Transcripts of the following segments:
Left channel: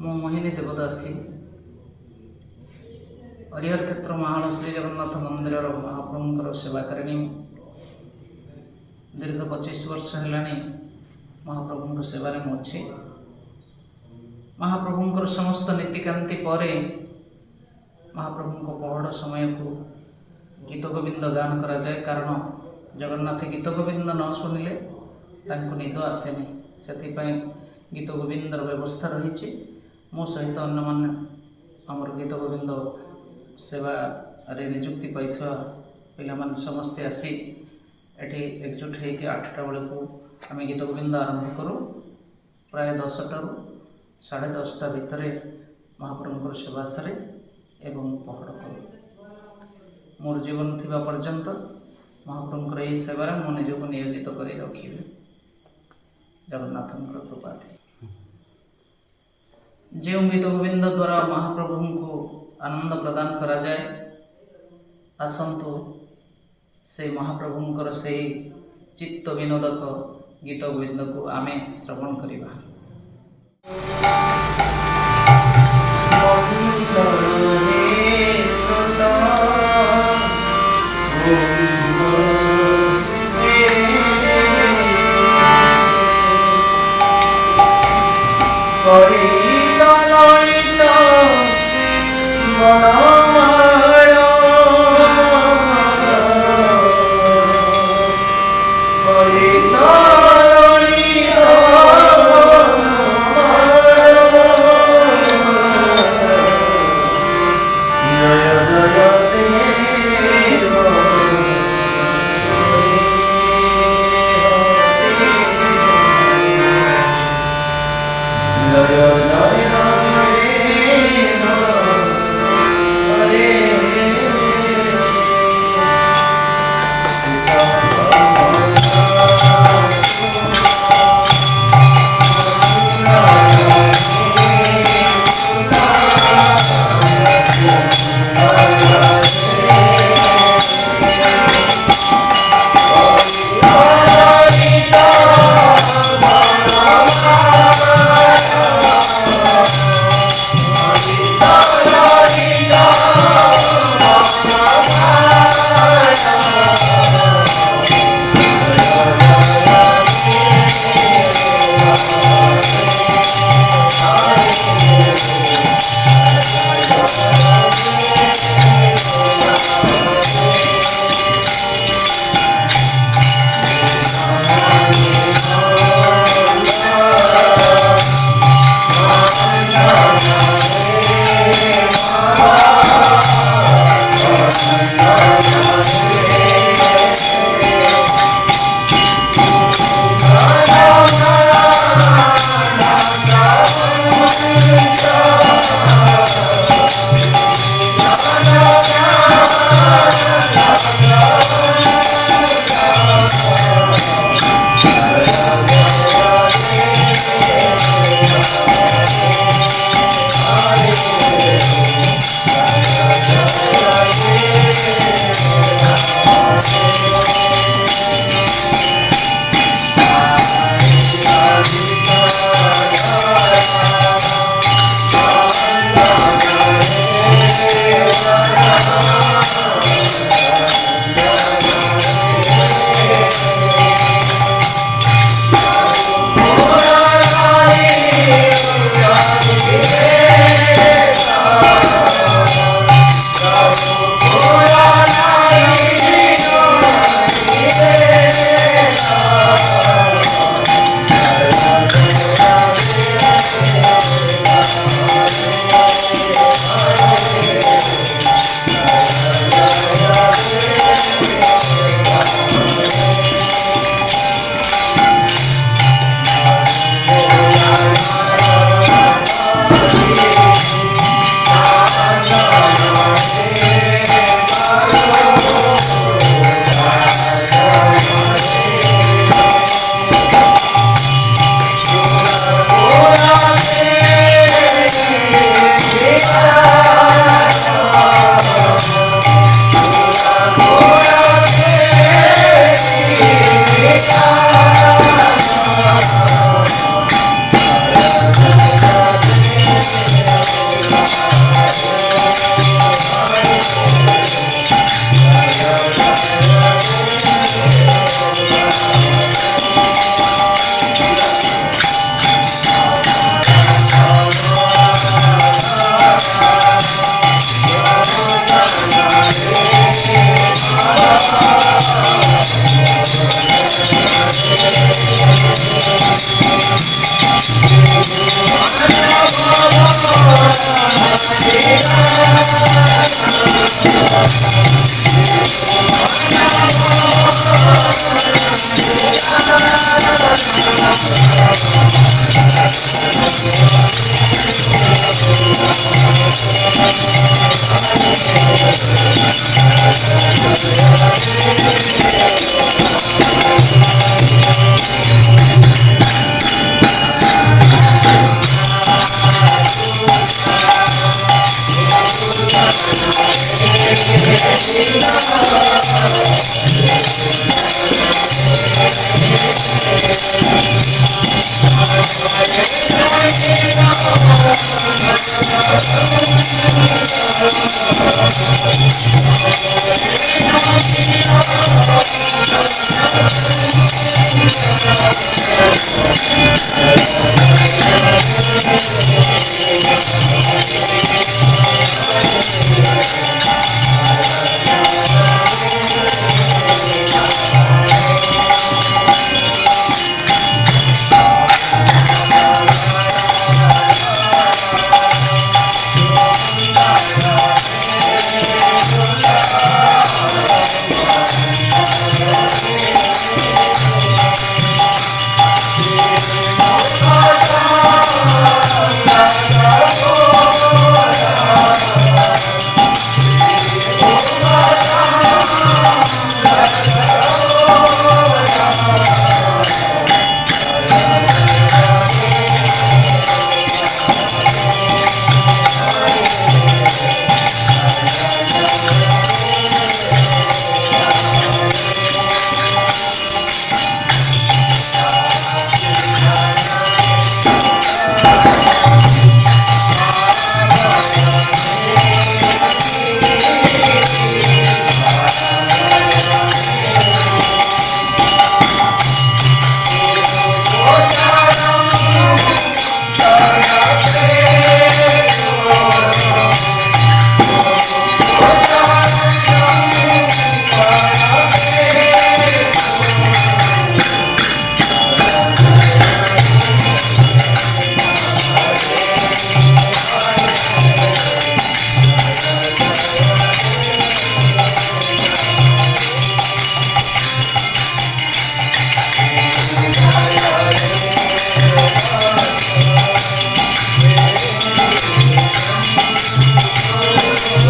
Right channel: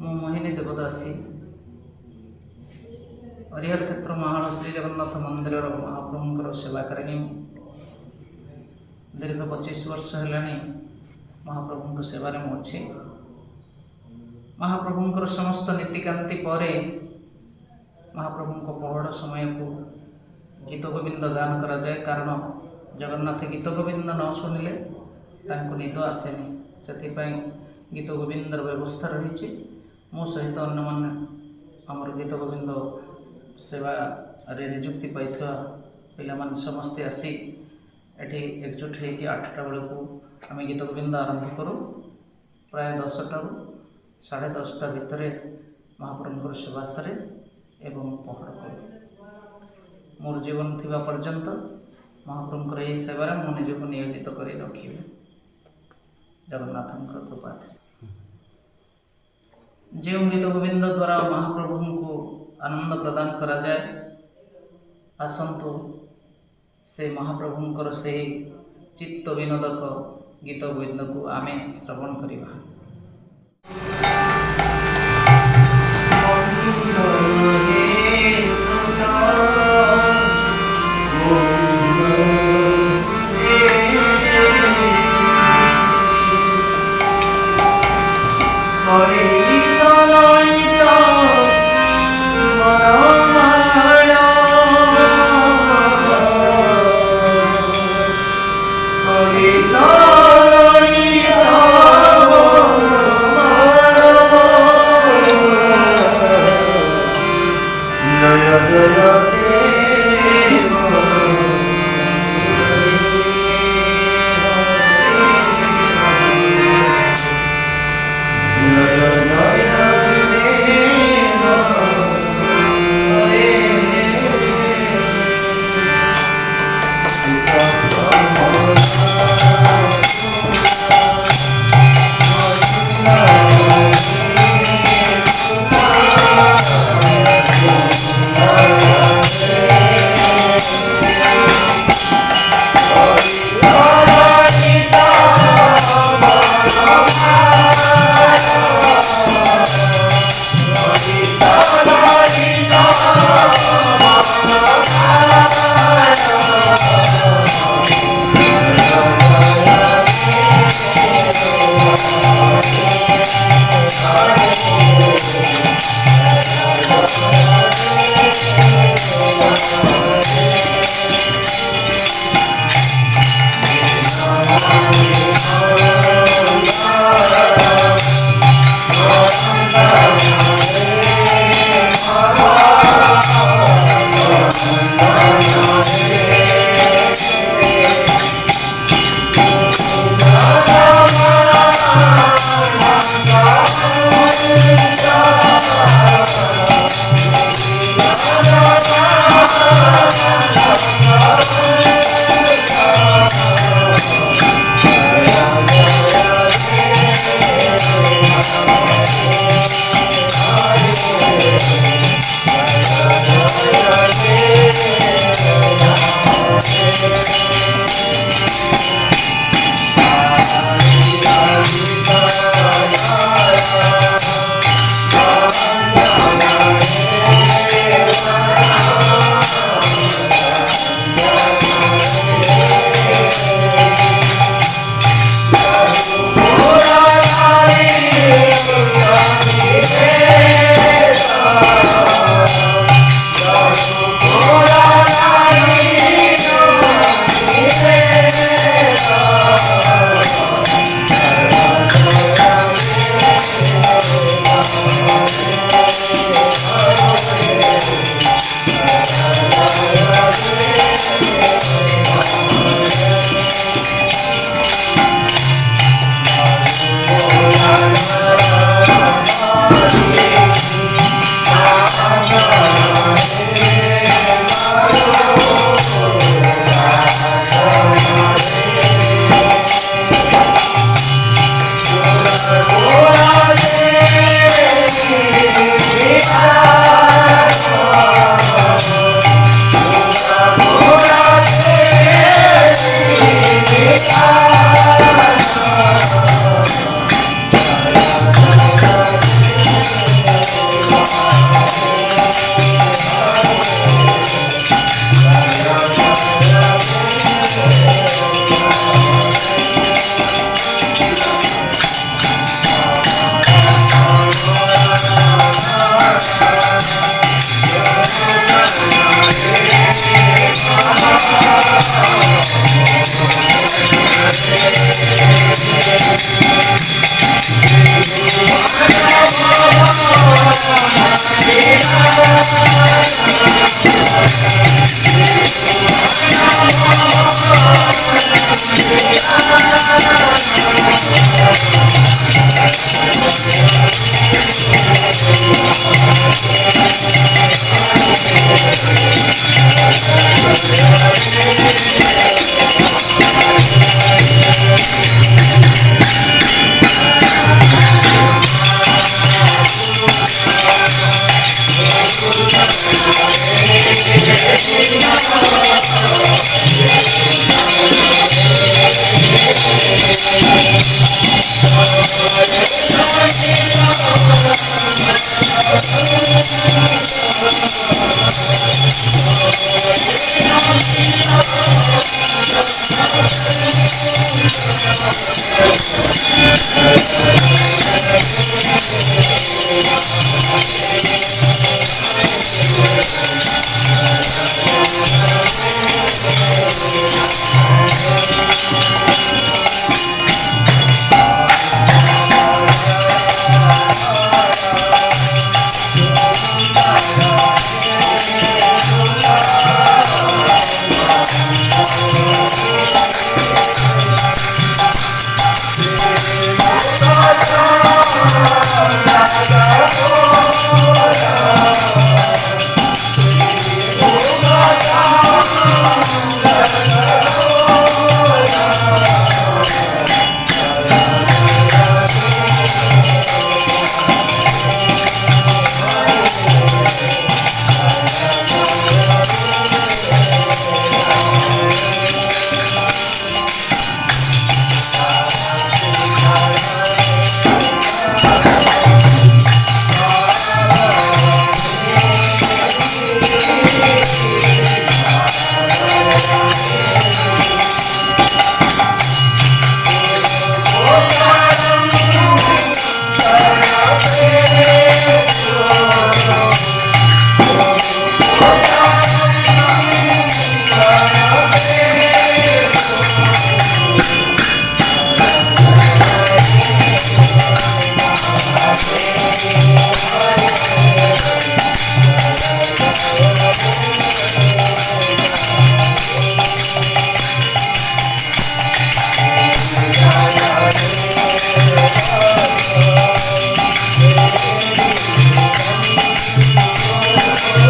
मु मोहिनी देवदासी हरिहर क्षेत्र महाल श्री जगन्नाथ मंदिर महाप्रभुंर सेवाकारिणी। दीर्घ 25 वर्ष है महाप्रभु सेवार मुझे महाप्रभुंर समस्त नीतिकांति पर महाप्रभु पहड़ समय को गीत गोविंद गान करा जाए। कारण जगन्नाथ गीत गोविंद न शुणिले निद आसेनी, से गीत गोविंदर व्यवस्था रही। मो सहित अन्य मान आमर गीत गोविंद सेवा रे निजुक्ति पाई पिला समस्ते आसी एठी एकजुट होकर 8टा बेलू आम गीत गोविंद आरंभ करूँ। प्राय 10टारू 10:30 भितर महाप्रभुंर सेवा सारे एवं पहड़ करूँ। मोर जीवन थिबा पर्यंत महाप्रभुंर यही सेवार मो निजक नियोजित कर रखी जगन्नाथंकर कृपा थी। जो गीत गोविंद द्वारा महाप्रभु को आनंद प्रदान करा जाए, आसंतु से महाप्रभुंकर से चित्त विनोदक गीत गोविंद को आमे श्रवण करिबा।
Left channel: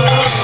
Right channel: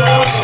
Oh